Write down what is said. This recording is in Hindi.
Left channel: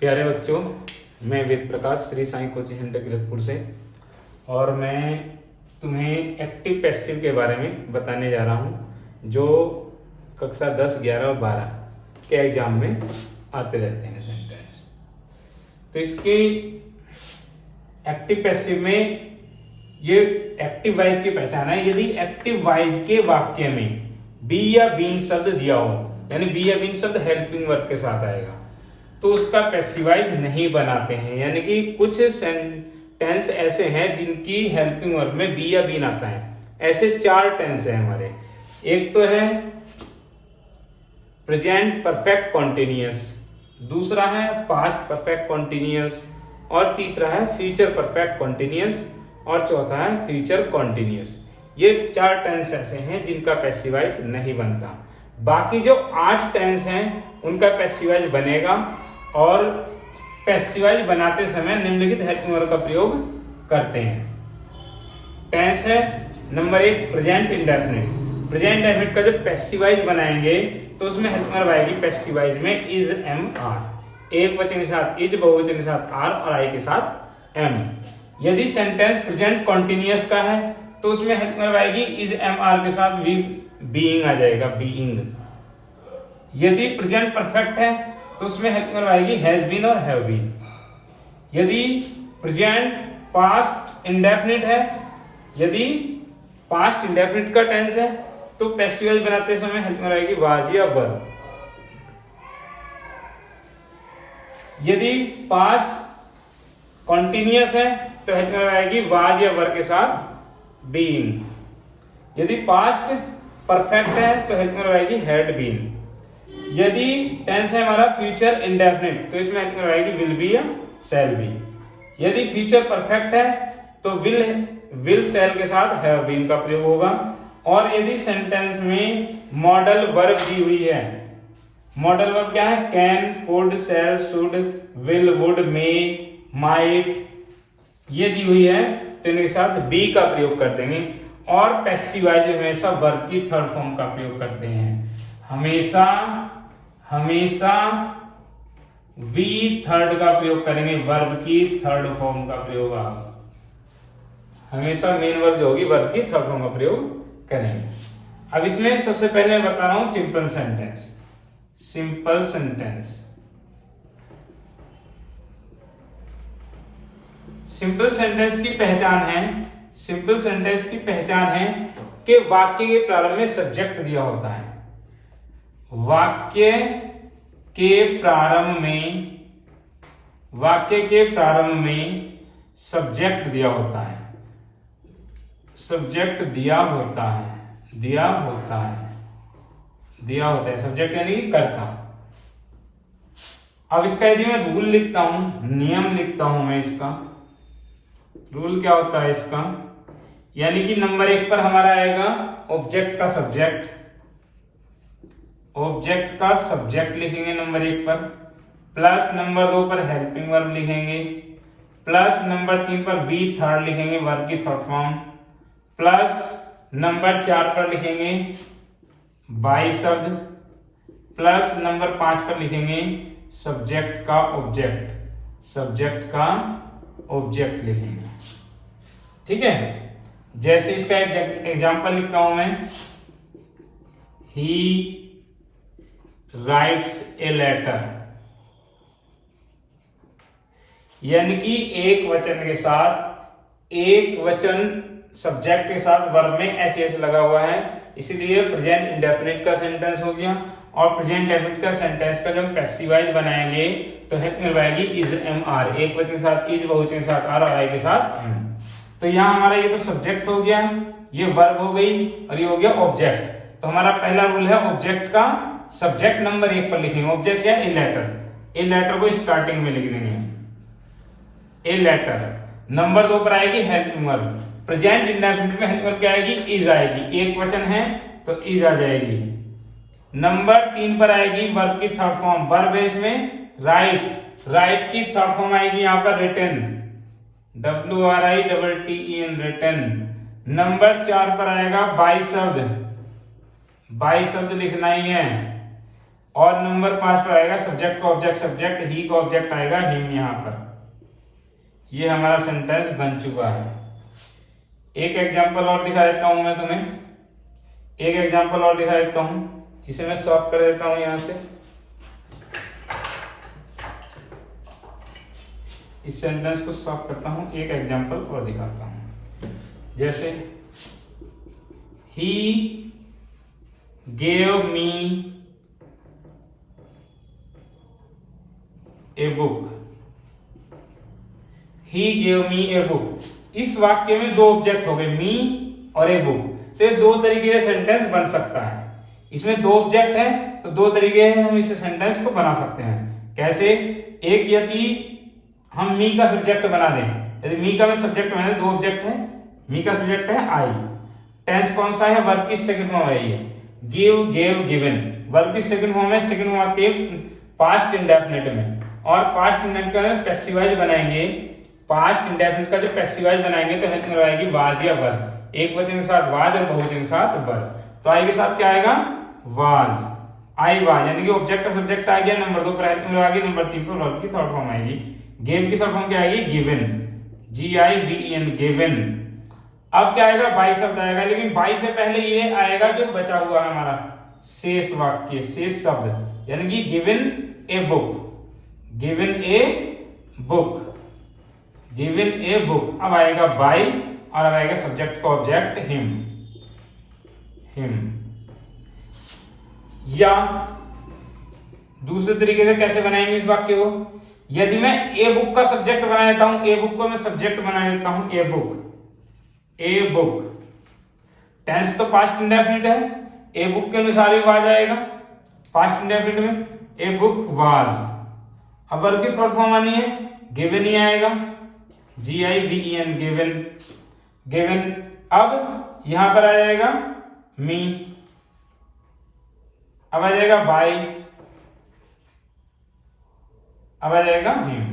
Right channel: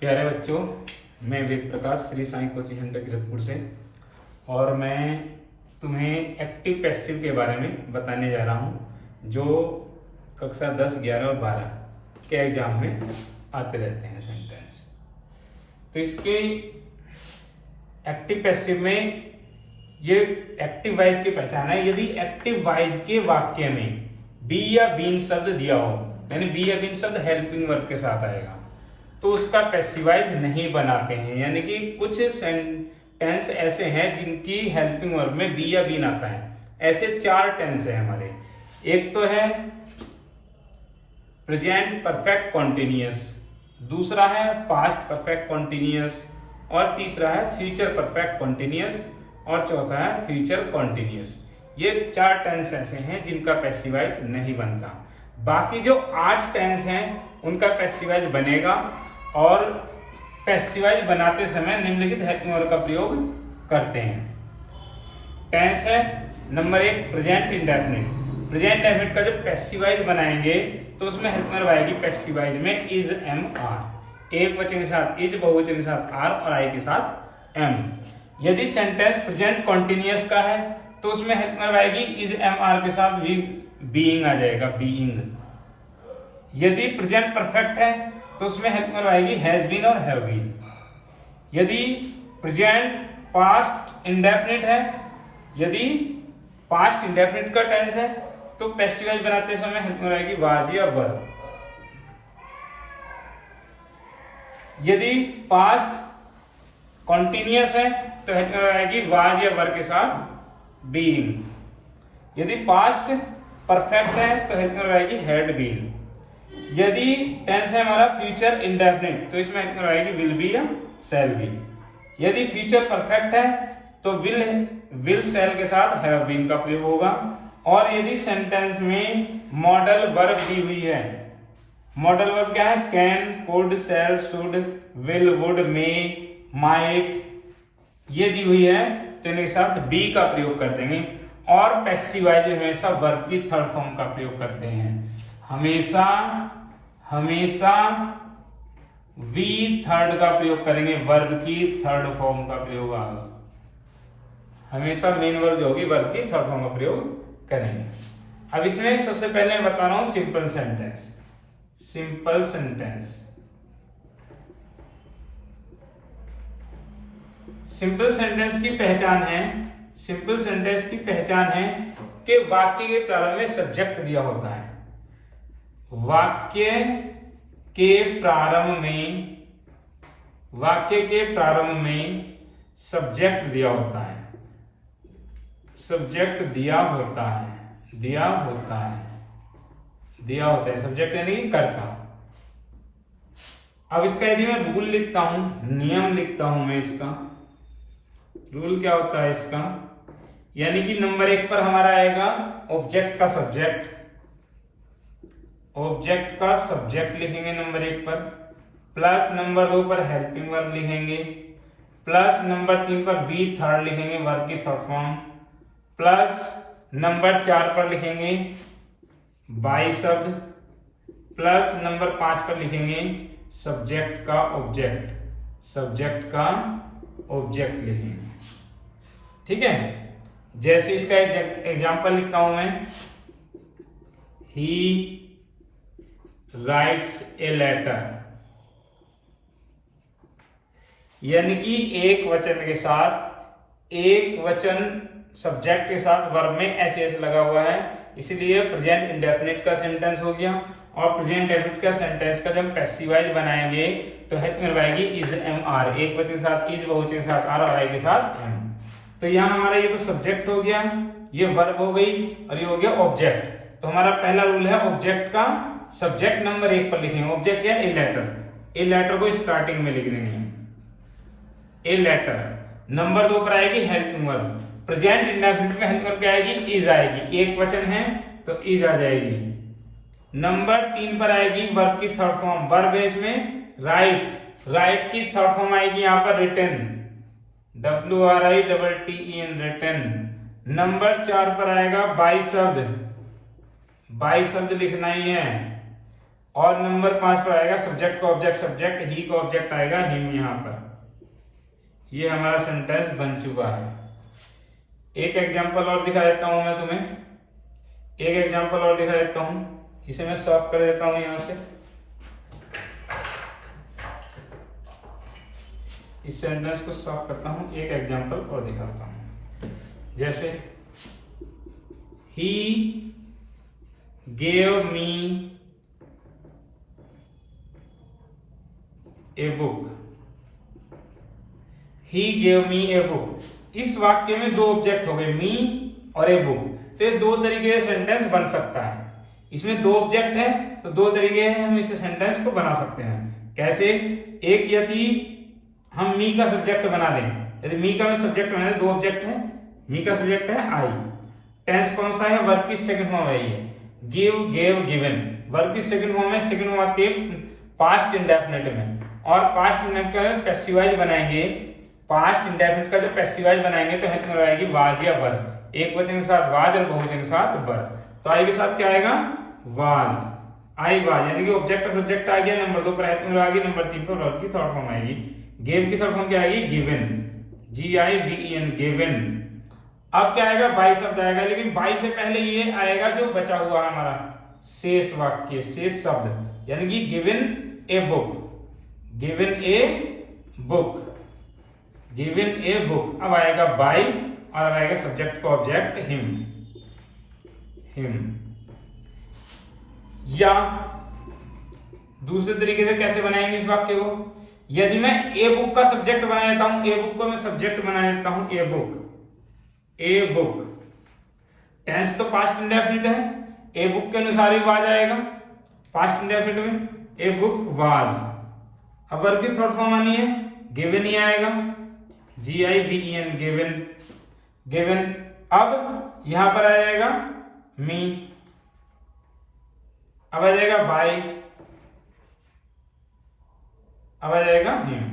प्यारे बच्चों, मैं वेद प्रकाश श्री साईं कोचिंग सेंटर कीरतपुर से और मैं तुम्हें एक्टिव पैसिव के बारे में बताने जा रहा हूँ जो कक्षा 10, 11 और 12 के एग्जाम में आते रहते हैं सेंटेंस। तो इसके एक्टिव पैसिव में ये एक्टिव वाइज की पहचान है। यदि एक्टिव वाइज के वाक्य में बी या बीइंग शब्द दिया हो, यानी बी या बीइंग शब्द हेल्पिंग वर्ब के साथ आएगा, तो उसका पैसिवाइज नहीं बनाते हैं। यानी कि कुछ टेंस ऐसे हैं जिनकी हेल्पिंग वर्ब में बी या बीन आता है। ऐसे 4 टेंस हैं हमारे। एक तो है प्रेजेंट परफेक्ट कॉन्टिन्यूअस, दूसरा है पास्ट परफेक्ट कॉन्टिन्यूअस, और तीसरा है फ्यूचर परफेक्ट कॉन्टिन्यूअस, और चौथा है फ्यूचर कॉन्टिन्यूअस। ये 4 टेंस ऐसे हैं जिनका पैसिवाइज नहीं बनता। बाकी जो 8 टेंस हैं उनका पैसिवाइज बनेगा, और पैसिवाइज बनाते समय निम्नलिखित हेल्पिंग वर्ब का प्रयोग करते हैं। टेंस है number 1 present indefinite. Present indefinite का जब पैसिवाइज बनाएंगे तो उसमें हेल्पिंग वर्ब आएगी पैसिवाइज में इज एम आर। एक वचन के साथ इज, बहुवचन के साथ आर और आई के साथ एम। यदि सेंटेंस प्रेजेंट कॉन्टिन्यूअस का है तो उसमें हेल्पिंग वर्ब आएगी इज एम आर के साथ बीइंग आ जाएगा, बीइंग। यदि प्रेजेंट परफेक्ट है तो उसमें हेल्पिंग वर्ब आएगी हैज बीन और हैव बीन। यदि प्रेजेंट पास्ट इंडेफिनिट है, यदि पास्ट इंडेफिनिट का टेंस है तो पैसिवाइज बनाते समय हेल्पिंग वर्ब आएगी वाज या वर। यदि पास्ट कॉन्टिन्यूअस है तो हेल्पिंग वर्ब आएगी वाज या वर के साथ बीइंग। यदि पास्ट परफेक्ट है तो हेल्पिंग वर्ब आएगी हैड बीन। यदि टेंस है हमारा फ्यूचर इंडेफिनिट तो इसमें हेल्पिंग वर्ब आएगी विल बी या शैल बी। यदि फ्यूचर परफेक्ट है तो विल शैल के साथ हैव बीन का प्रयोग होगा। और यदि सेंटेंस में मॉडल वर्ब दी हुई है, मॉडल वर्ब क्या है? Can, could, shall, should, will, would, may, might, ये दी हुई है तो इनके साथ बी का प्रयोग कर देंगे। और पैसिवाइज हमेशा वर्ब की थर्ड फॉर्म का प्रयोग करते हैं। हमेशा वी थर्ड का प्रयोग करेंगे, वर्ब की थर्ड फॉर्म का प्रयोग। हमेशा मेन वर्ब जो होगी वर्ब की थर्ड फॉर्म का प्रयोग करेंगे। अब इसमें सबसे पहले बता रहा हूं simple sentence. Simple sentence, simple sentence की पहचान है, सिंपल सेंटेंस की पहचान है कि वाक्य के प्रारंभ में सब्जेक्ट दिया होता है। वाक्य के प्रारंभ में सब्जेक्ट दिया होता है। सब्जेक्ट दिया होता है सब्जेक्ट यानी कि कर्ता। अब इसका यदि मैं रूल लिखता हूं, नियम लिखता हूं मैं, इसका रूल क्या होता है इसका, यानी कि नंबर 1 पर हमारा आएगा ऑब्जेक्ट का सब्जेक्ट। ऑब्जेक्ट का सब्जेक्ट लिखेंगे नंबर 1 पर, प्लस नंबर 2 पर हेल्पिंग वर्ब लिखेंगे, प्लस नंबर 3 पर वी थर्ड लिखेंगे वर्ब की थर्ड फॉर्म, प्लस नंबर 4 पर लिखेंगे बाई शब्द, प्लस नंबर 5 पर लिखेंगे सब्जेक्ट का ऑब्जेक्ट लिखेंगे। ठीक है, जैसे इसका एग्जांपल लिखता हूं मैं, ही राइट्स ए लेटर, यानी कि एक वचन सब्जेक्ट के साथ वर्ब में ऐसे ऐसे लगा हुआ है, इसीलिए प्रेजेंट इंडेफिनिट का सेंटेंस हो गया। और प्रेजेंट इंडेफिनिट का सेंटेंस का जब पैसिवाइज बनाएंगे तो हेल्पिंग वर्ब आएगी इज एम आर, एक वचन के साथ इज, बहुवचन के साथ आर और आई के साथ एम। तो यहाँ हमारा ये तो सब्जेक्ट हो गया, ये वर्ब हो गई, और ये हो गया ऑब्जेक्ट। तो हमारा पहला रूल है ऑब्जेक्ट का सब्जेक्ट नंबर 1 पर लिखेंगे। ऑब्जेक्ट या ए लेटर को स्टार्टिंग में लिख देंगे, ए लेटर। नंबर 2 पर आएगी हेल्पिंग वर्ब। प्रेजेंट इंडेफिनिट में हेल्पिंग वर्ब क्या आएगी? इज आएगी, एक वचन है तो इज आ जाएगी। नंबर 3 पर आएगी वर्ब की थर्ड फॉर्म, वर्ब है इसमें राइट की थर्ड फॉर्म आएगी यहाँ पर रिटन, WRITTEN, रिटन। नंबर 4 पर आएगा बाई शब्द लिखना ही है। और नंबर 5 पर आएगा सब्जेक्ट का ऑब्जेक्ट सब्जेक्ट, ही का ऑब्जेक्ट आएगा हिम। यहाँ पर ये हमारा सेंटेंस बन चुका है। एक एग्जांपल और दिखा देता हूं मैं तुम्हें, एक एग्जांपल और दिखा देता हूं, इसे मैं सॉल्व कर देता हूं। यहां से इस सेंटेंस को सॉल्व करता हूं, एक एग्जांपल और दिखाता हूं। जैसे he gave me a book, he gave me a book. इस वाक्य में दो ऑब्जेक्ट हो गए, मी और ए बुक। तो ये दो तरीके से सेंटेंस बन सकता है। इसमें दो ऑब्जेक्ट है तो दो तरीके हैं हम इस सेंटेंस को बना सकते हैं। कैसे? एक यदि हम मी का सब्जेक्ट बना दें, यदि मी का मैं सब्जेक्ट बना दें, दो ऑब्जेक्ट है, मी का सब्जेक्ट है आई। टेंस कौन सा है? वर्ब की सेकंड फॉर्म है ये, गिव, गेव, गिवन। वर्ब की सेकंड फॉर्म है, सेकंड फॉर्म आती है पास्ट इंडेफिनिट में। और पास्ट इंडेफिनिट का पैसिव वॉइस बनाएंगे, पास्ट इंडेफिनिट का जो पैसिव वॉइस बनाएंगे तो हेल्प में आएगी वाज या वर। एक वचन के साथ वाज और बहुवचन के साथ वर। तो आई के साथ क्या आएगा? वाज, आई वाज, यानी कि ऑब्जेक्ट और सब्जेक्ट आ गया। नंबर 2 पर हेल्प में आ गई। नंबर 3 पर वर्ब की थर्ड फॉर्म आएगी। गेव की थर्ड फॉर्म क्या आएगी? Given, GIVEN, given. अब क्या आएगा? बाई शब्द आएगा, लेकिन बाई से पहले ये आएगा जो बचा हुआ है हमारा शेष वाक्य, शेष शब्द, यानी कि given a book, given a book, given a book. अब आएगा बाई और अब आएगा सब्जेक्ट को ऑब्जेक्ट हिम, हिम। या दूसरे तरीके से कैसे बनाएंगे इस वाक्य को? यदि मैं ए बुक का सब्जेक्ट बना लेता हूं, ए बुक को मैं सब्जेक्ट बना लेता हूं, a book, a book. Tense तो पास्ट इंडेफिनिट है, ए बुक के अनुसार ही वाज आएगा पास्ट इंडेफिनिट में, ए बुक वाज। अब वर्ब की थर्ड फॉर्म आनी है, गिवन ही आएगा, GIVEN, गिवन, गिवन। अब यहां पर आ जाएगा मी, अब आ जाएगा बाय, अब आ जाएगा हिम।